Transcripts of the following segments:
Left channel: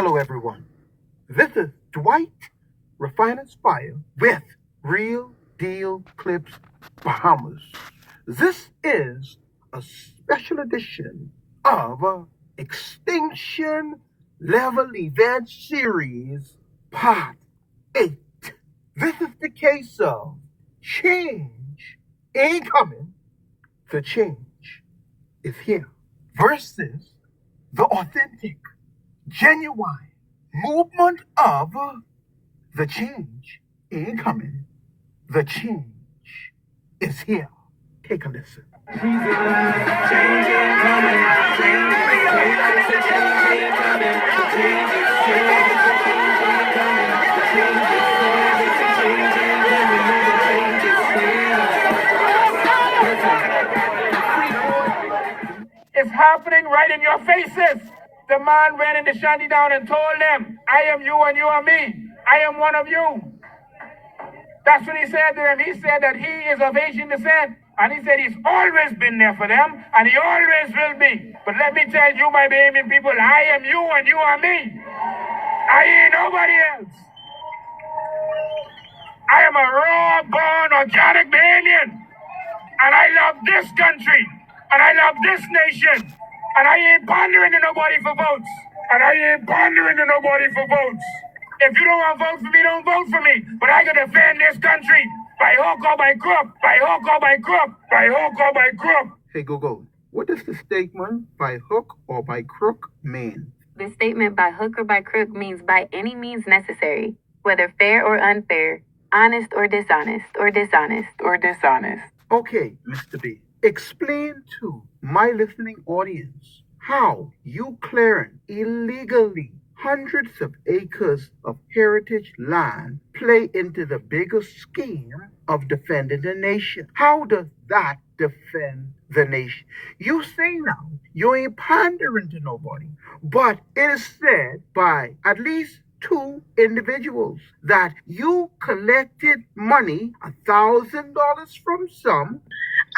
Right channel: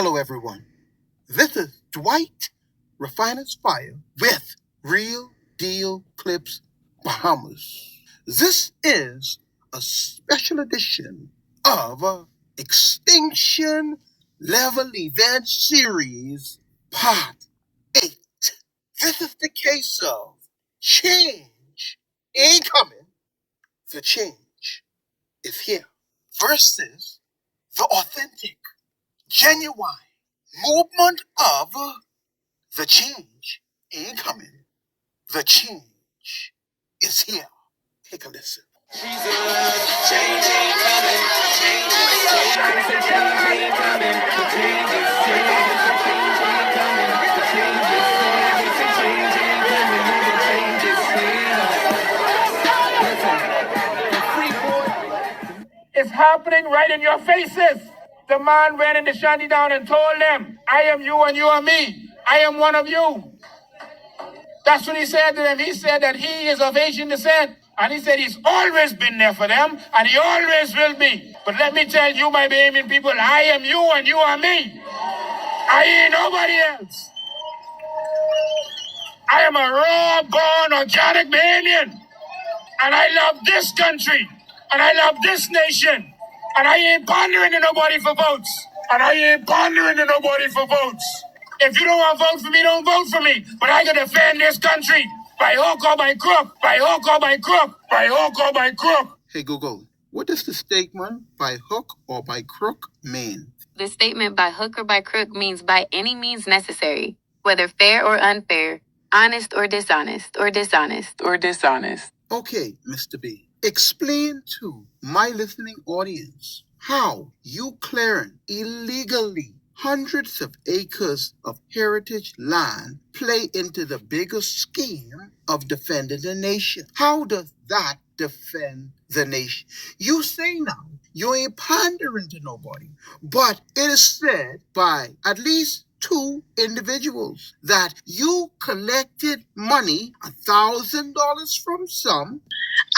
Hello, everyone. This is Dwight Refiner's Fire with Real Deal Clips Bahamas. This is a special edition of Extinction Level Event Series Part 8. This is the case of change ain't coming, the change is here versus the authentic, genuine movement of the change ain't coming, the change is here. Take a listen. Change ain't coming, change ain't coming, the change is here. Change ain't coming, the change is here. The change ain't coming, the change is here. It's happening right in your faces. The man ran in the shanty down and told them, I am you and you are me. I am one of you. That's what he said to them. He said that he is of Asian descent. And he said he's always been there for them, and he always will be. But let me tell you, my Bahamian people, I am you and you are me. I ain't nobody else. I am a raw-born, organic Bahamian. And I love this country. And I love this nation. And I ain't pandering to nobody for votes. And I ain't pandering to nobody for votes. If you don't want to vote for me, don't vote for me. But I can defend this country by hook or by crook, by hook or by crook, by hook or by crook. Hey, Google, what does the statement by hook or by crook mean? The statement by hook or by crook means by any means necessary, whether fair or unfair, honest or dishonest, or dishonest, or dishonest. Okay, Mr. B, explain to my listening audience how you clearing illegally hundreds of acres of heritage land play into the bigger scheme of defending the nation. How does that defend the nation? You say now you ain't pandering to nobody, but it is said by at least two individuals that you collected money, $1,000 from some.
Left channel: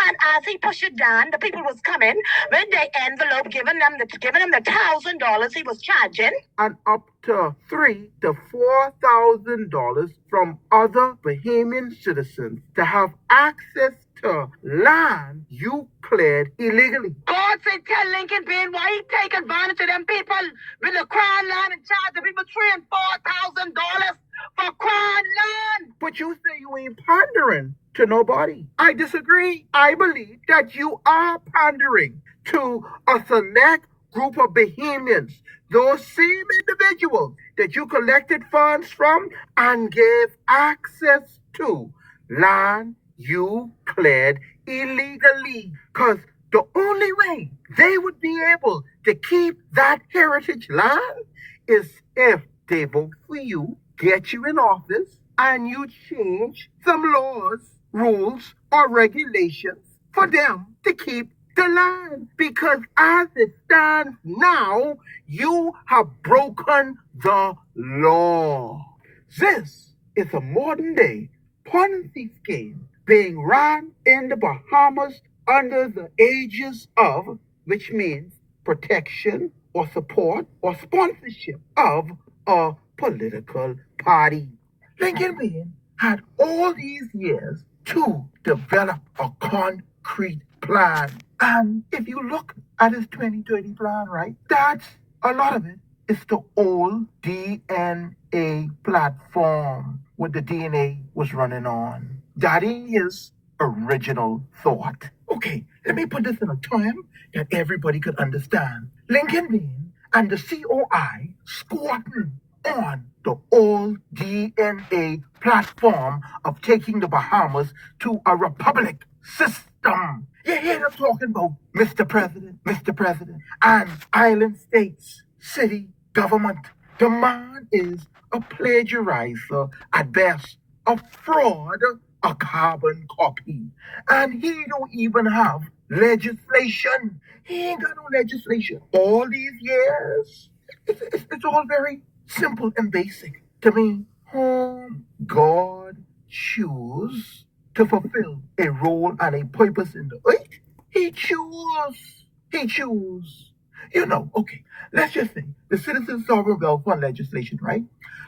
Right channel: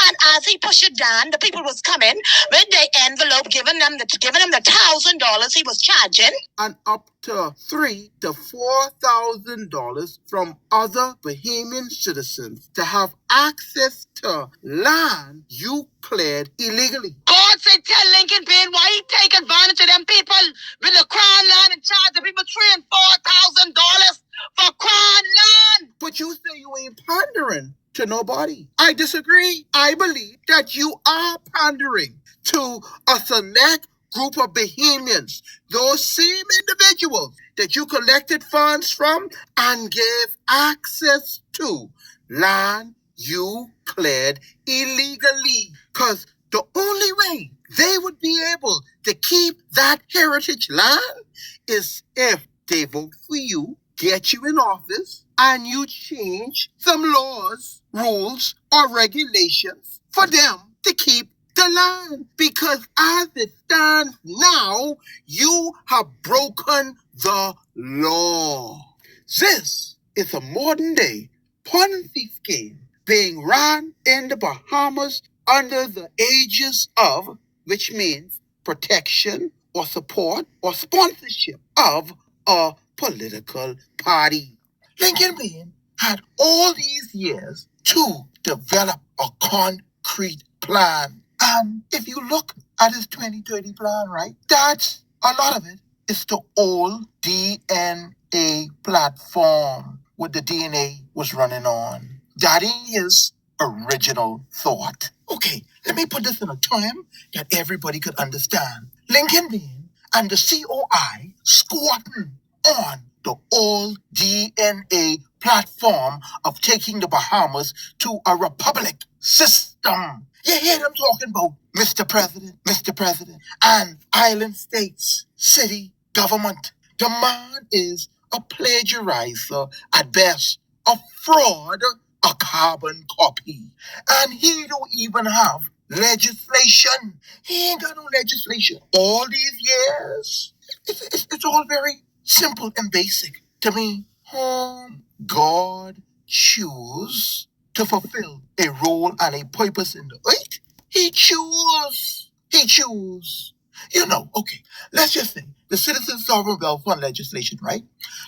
And as he pushed it down, the people was coming with the envelope, giving them the $1,000 he was charging, and up to $3,000 to $4,000 from other Bahamian citizens to have access to land you cleared illegally. God said, tell Lincoln Ben why he take advantage of them people with the crown land and charge the people $3,000 and $4,000 for crown land. But you say you ain't pandering to nobody. I disagree. I believe that you are pandering to a select group of Bahamians, those same individuals that you collected funds from and gave access to land you cleared illegally. Because the only way they would be able to keep that heritage land is if they vote for you, get you in office, and you change some laws, rules, or regulations for them to keep the land. Because as it stands now, you have broken the law. This is a modern day Ponzi scheme being run in the Bahamas under the aegis of, which means protection or support or sponsorship of a political party. Lincoln Ben had all these years to develop a concrete plan. And if you look at his 2030 plan, right, that's a lot of it is the old DNA platform what the DNA was running on. That is original thought. Okay, let me put this in a term that everybody could understand. Lincoln Ben and the COI squatting on the old DNA platform of taking the Bahamas to a republic system. You hear them talking about Mr. President, and island states, city, government. The man is a plagiarizer at best, a fraud, a carbon copy. And he don't even have legislation. He ain't got no legislation. All these years, it's all very simple and basic. To me, whom God choose to fulfill a role and a purpose in the earth, he choose. Okay, let's just say the Citizen Sovereign Wealth Fund legislation, right?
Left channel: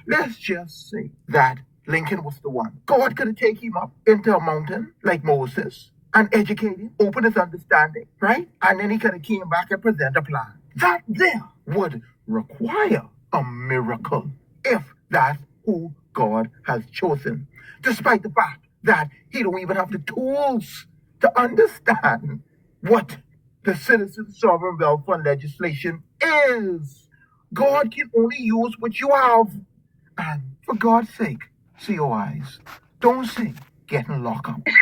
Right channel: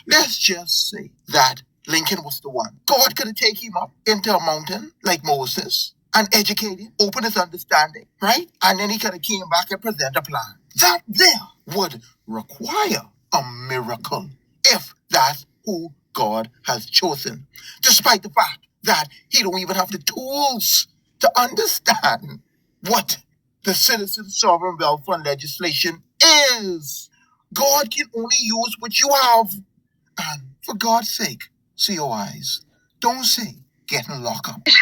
Let's just say that Lincoln was the one. God could have taken him up into a mountain like Moses and educated him, open his understanding, right? And then he could have came back and present a plan. That there would require a miracle if that's who God has chosen, despite the fact that he don't even have the tools to understand what the Citizen Sovereign Wealth Fund legislation is. God can only use what you have. And for God's sake, COIs, don't say getting locked up. The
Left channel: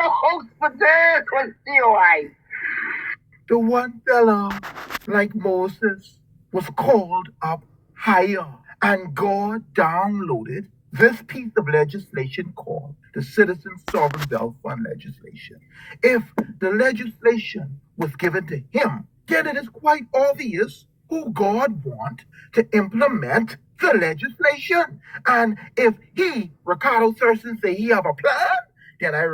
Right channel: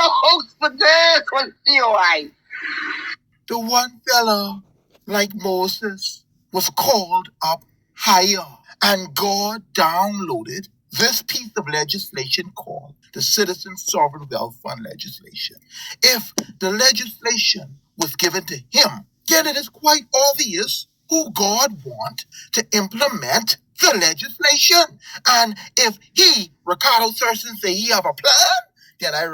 host for this was COI. The one fella, like Moses, was called up higher, and God downloaded this piece of legislation called the Citizen Sovereign Wealth Fund legislation. If the legislation was given to him, then it is quite obvious who God wants to implement the legislation. And if he, Ricardo Thurston, say he have a plan, then I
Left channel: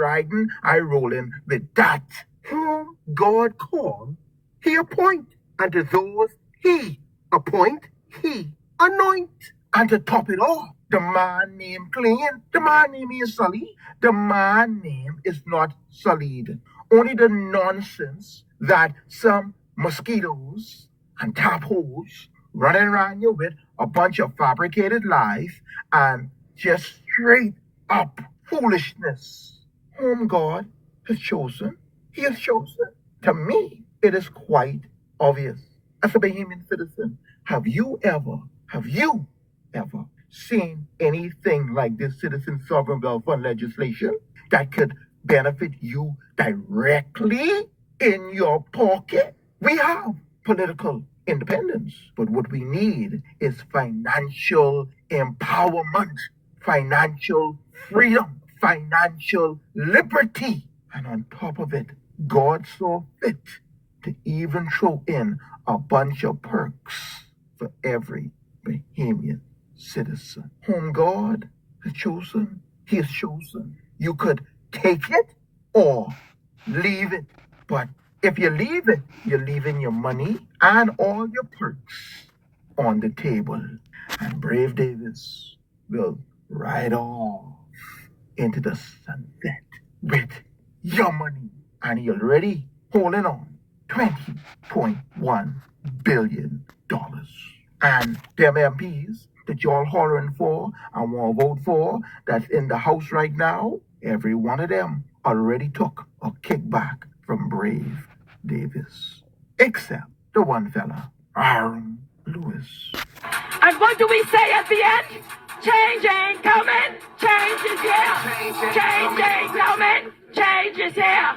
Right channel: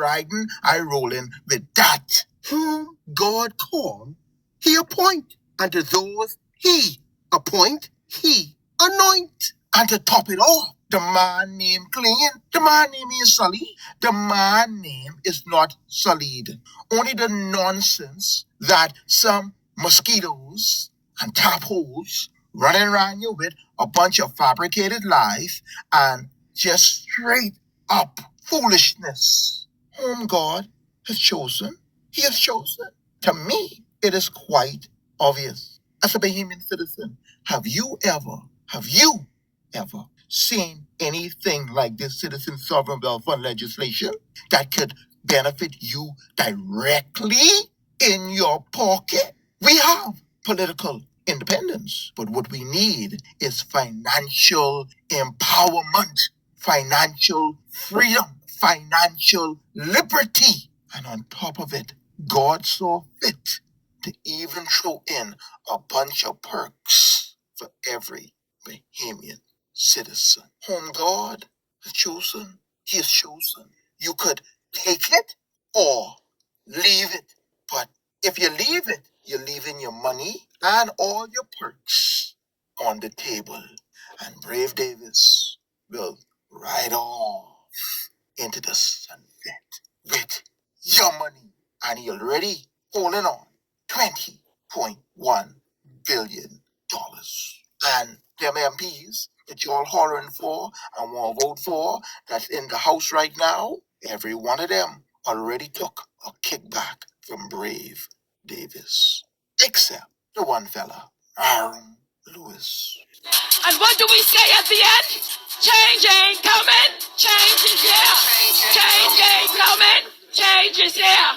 rolling with that. Whom God call, he appoint. And to those he appoint, he anoint. And to top it off, the man named Clean, the man name is Sully. The man name is not sullied. Only the nonsense that some mosquitoes and tap holes running around you with a bunch of fabricated lies and just straight up foolishness. Whom God has chosen, he has chosen. To me, it is quite obvious. As a Bahamian citizen, have you ever seen anything like this Citizen Sovereign Wealth Fund legislation that could benefit you directly in your pocket? We have political independence, but what we need is financial empowerment, financial freedom, financial liberty. And on top of it, God saw fit to even throw in a bunch of perks for every Bahamian citizen. Whom God has chosen, he has chosen. You could take it or leave it. But if you leave it, you're leaving your money and all your perks on the table. And Brave Davis will ride off into the sunset with your money. And he already holding on $20.1 billion. And them MPs that y'all hollering for and want to vote for that's in the House right now, every one of them already took a kickback from Brave Davis. Except the one fella, Aaron Lewis. And what do we say at the end? Change ain't coming. Change is here. Change ain't coming. Change is here.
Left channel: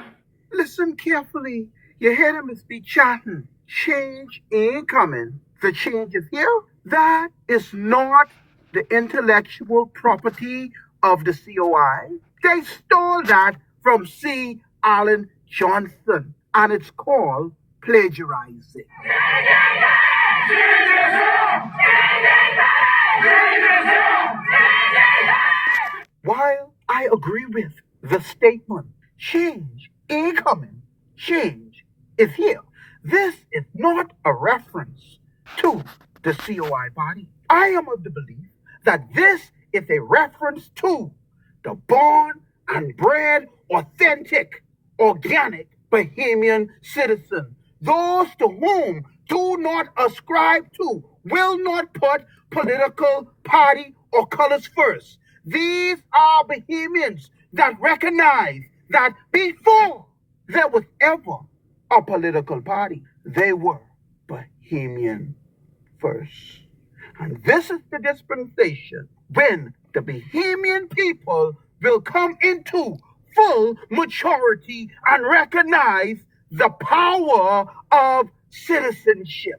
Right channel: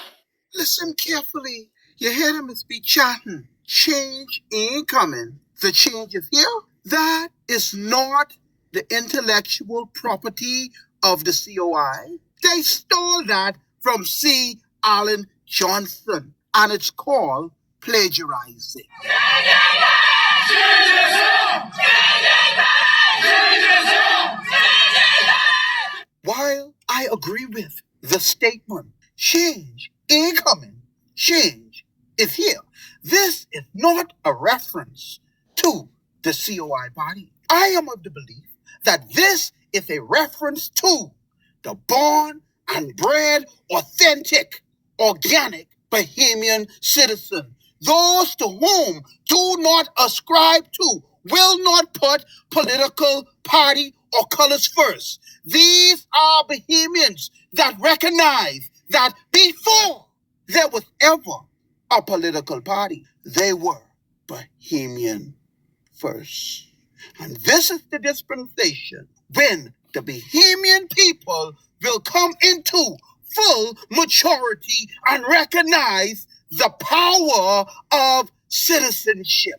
Listen carefully. You hear him be chatting. Change ain't coming. The change is here. That is not the intellectual property of the COI. They stole that from C. Allen Johnson, and it's called plagiarizing. While I agree with the statement, change ain't coming, change is here, this is not a reference to the COI body. I am of the belief that this is a reference to the born and bred, authentic, organic Bahamian citizen. Those to whom do not ascribe to, will not put political party or colors first. These are Bahamians that recognize that before there was ever a political party, they were Bahamian first. And this is the dispensation when the Bahamian people will come into full maturity and recognize the power of citizenship.